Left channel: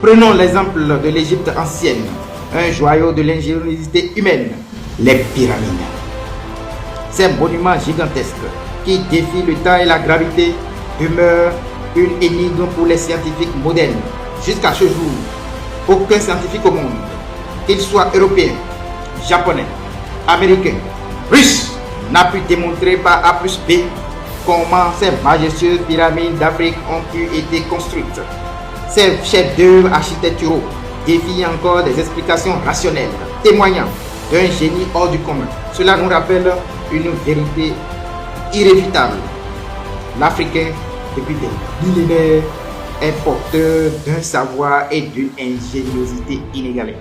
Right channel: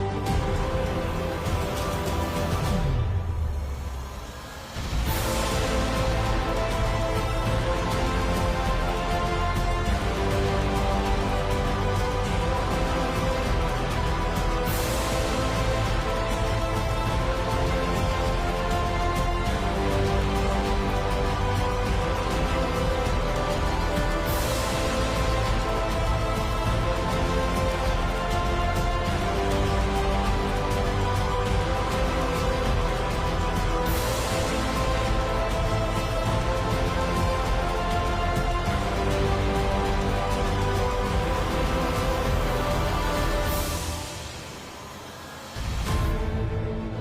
Prenons l'exemple de l'Égypte ancienne, un joyau de l'ingéniosité humaine, les pyramides. Ces monuments gigantesques qui défient le temps et la gravité demeurent une énigme pour les scientifiques modernes. Jusqu'à ce jour, aucun scientifique au monde, qu'il soit européen, japonais, américain, russe, n'a pu démontrer par A plus B comment ces majestueuses pyramides d'Afrique ont pu être construites. Ces chefs-d'œuvre architecturaux défient encore des explications rationnelles, témoignant d'un génie hors du commun. Cela nous rappelle une vérité irréfutable. L'Africain, depuis des millénaires, est porteur d'un savoir et d'une ingéniosité inégalée.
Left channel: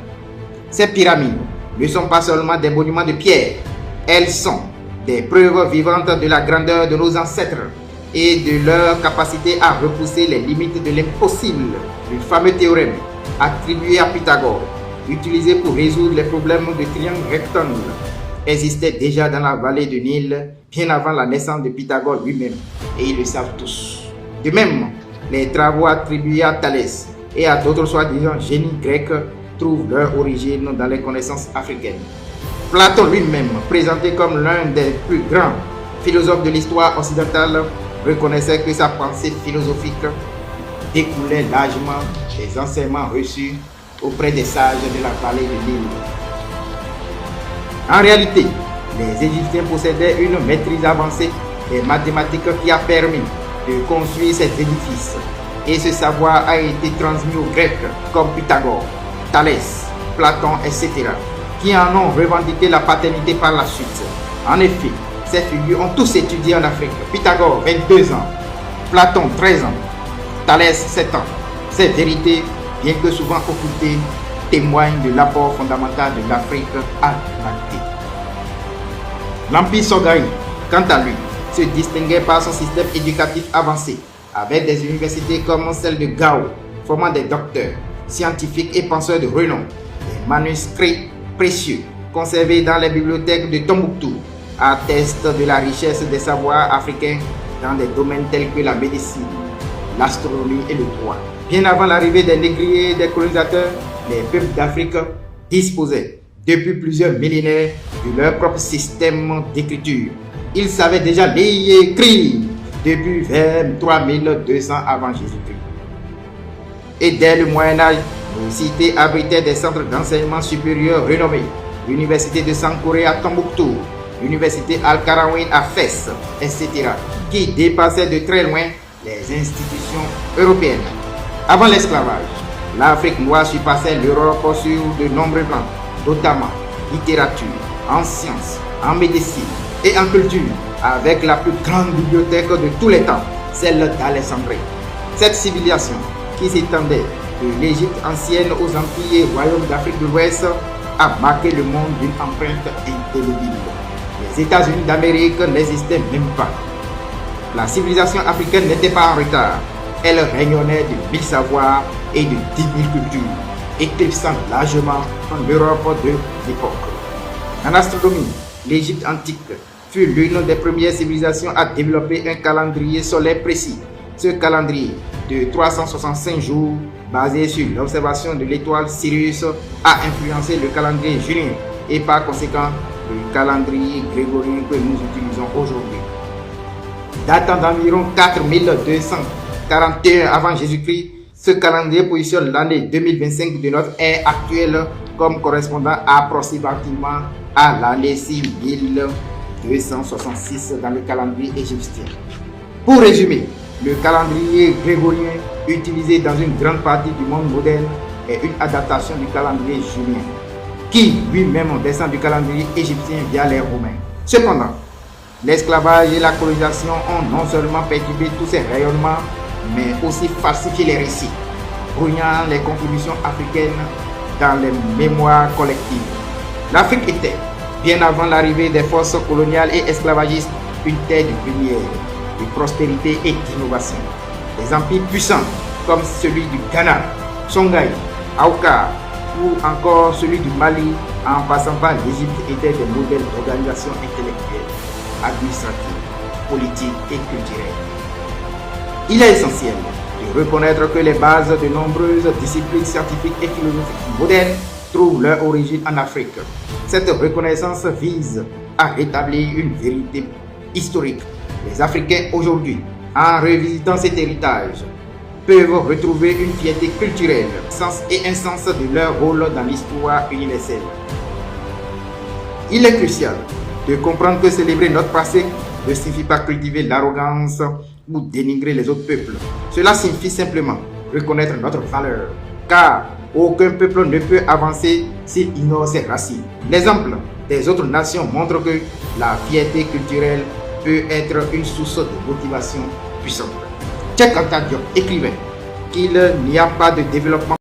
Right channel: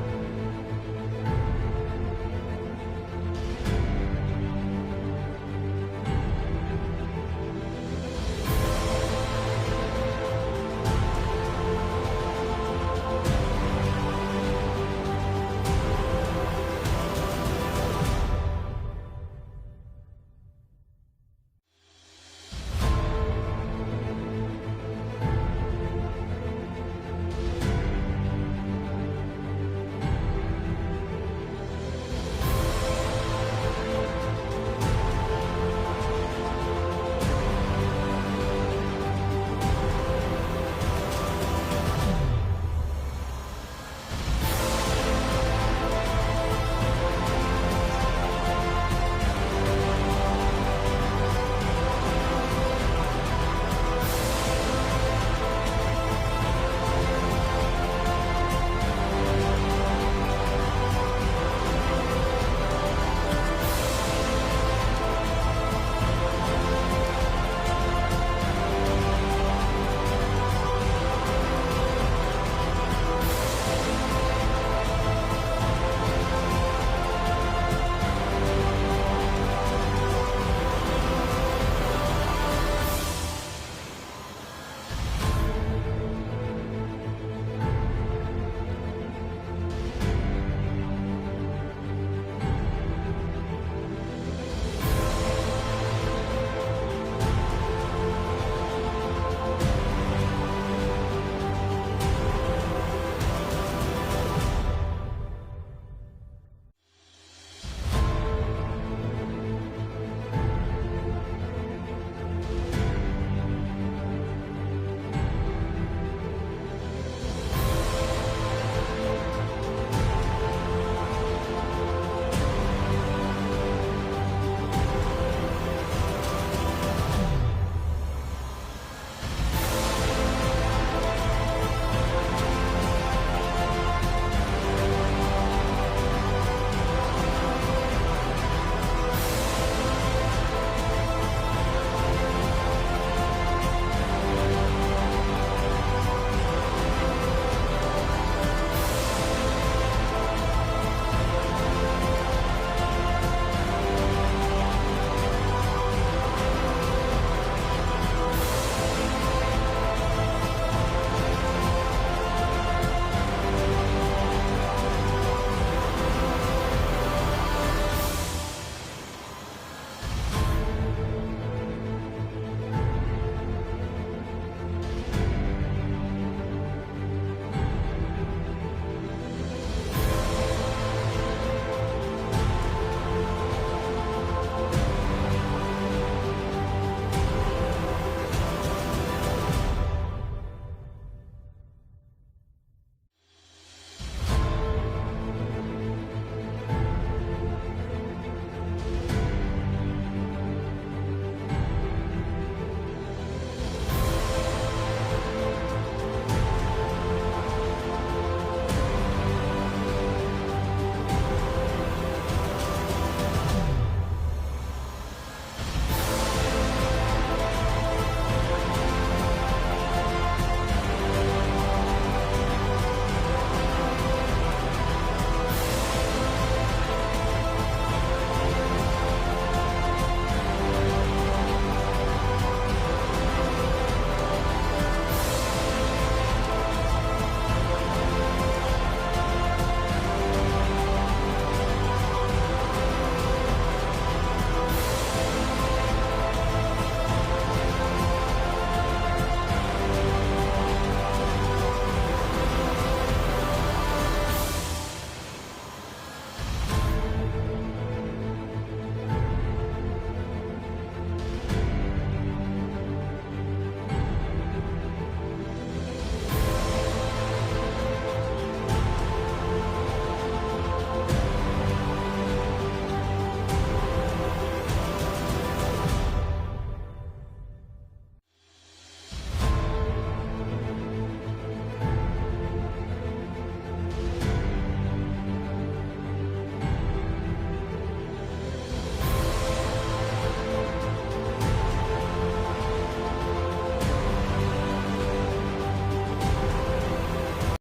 Ces pyramides ne sont pas seulement des monuments de pierre, elles sont des preuves vivantes de la grandeur de nos ancêtres et de leur capacité à repousser les limites de l'impossible. Le fameux théorème attribué à Pythagore, utilisé pour résoudre les problèmes de triangle rectangle, existait déjà dans la vallée du Nil bien avant la naissance de Pythagore lui-même, et ils le savent tous. De même, les travaux attribués à Thalès et à d'autres soi-disant génies grecs trouvent leur origine dans les connaissances africaines. Platon lui-même, présenté comme l'un des plus grands philosophes de l'histoire occidentale, reconnaissait que sa pensée philosophique découlait largement des enseignements reçus auprès des sages de la vallée du Nil. En réalité, les Égyptiens possédaient une maîtrise avancée des mathématiques qui a permis de construire cet édifice, et ce savoir a été transmis aux Grecs comme Pythagore, Thalès, Platon, etc., qui en ont revendiqué la paternité par la suite. En effet, ces figures ont tous étudié en Afrique. Pythagore, 22 ans, Platon, 13 ans, Thalès, 7 ans. Ces vérités, bien que souvent occultées, témoignent de l'apport fondamental de l'Afrique à l'humanité. L'Empire Songhai, quant à lui, se distinguait par son système éducatif avancé, avec des universités comme celle de Gao, formant des docteurs, scientifiques et penseurs de renom, des manuscrits précieux conservés dans les bibliothèques de Tombouctou attestent de la richesse des savoirs africains dans des domaines tels que la médecine, l'astronomie et le droit. Bien avant l'arrivée des négriers et des colonisateurs, les peuples d'Afrique disposaient depuis plusieurs millénaires de leur propre système d'écriture. Ils savaient déjà lire et écrire depuis vers 3200 avant Jésus-Christ. Et dès le Moyen-Âge, les cités abritaient des centres d'enseignement supérieur renommés. L'université de Sankouré à Tombouctou, l'université Al-Karawin à Fès, etc., qui dépassaient de très loin les institutions européennes. Avant l'esclavage, l'Afrique noire surpassait l'Europe sur de nombreux plans, notamment littérature, en sciences, en médecine et en culture, avec la plus grande bibliothèque de tous les temps, celle d'Alexandrie. Cette civilisation, qui s'étendait de l'Égypte ancienne aux empires et royaumes d'Afrique de l'Ouest, a marqué le monde d'une empreinte indélébile. Les États-Unis d'Amérique n'existaient même pas. La civilisation africaine n'était pas en retard. Elle rayonnait de 1000 savoirs et de 10 000 cultures, éclipsant largement en Europe de l'époque. En astronomie, l'Égypte antique fut l'une des premières civilisations à développer un calendrier solaire précis. Ce calendrier de 365 jours, basé sur l'observation de l'étoile Sirius, a influencé le calendrier julien et par conséquent le calendrier grégorien que nous utilisons aujourd'hui. Datant d'environ 4241 avant Jésus-Christ, ce calendrier positionne l'année 2025 de notre ère actuelle comme correspondant approximativement à l'année 6266 dans le calendrier égyptien. Pour résumer, le calendrier grégorien utilisé dans une grande partie du monde moderne est une adaptation du calendrier julien, qui lui-même descend du calendrier égyptien via les Romains. Cependant, l'esclavage et la colonisation ont non seulement perturbé tous ces rayonnements, mais aussi falsifié les récits, brouillant les contributions africaines dans les mémoires collectives. L'Afrique était, bien avant l'arrivée des forces coloniales et esclavagistes, une terre de lumière, de prospérité et d'innovation. Des empires puissants comme celui du Ghana, Songhai, Aouka ou encore celui du Mali, en passant par l'Égypte, étaient des modèles d'organisation intellectuelle, administrative, politique et culturelle. Il est essentiel de reconnaître que les bases de nombreuses disciplines scientifiques et philosophiques modernes trouvent leur origine en Afrique. Cette reconnaissance vise à rétablir une vérité historique. Les Africains aujourd'hui, en revisitant cet héritage, peuvent retrouver une fierté culturelle, sens et un sens de leur rôle dans l'histoire universelle. Il est crucial de comprendre que célébrer notre passé ne signifie pas cultiver l'arrogance ou dénigrer les autres peuples. Cela signifie simplement reconnaître notre valeur, car aucun peuple ne peut avancer s'il ignore ses racines. L'exemple des autres nations montre que la fierté culturelle peut être une source de motivation puissante. Cheikh Anta Diop écrivait qu'il n'y a pas de développement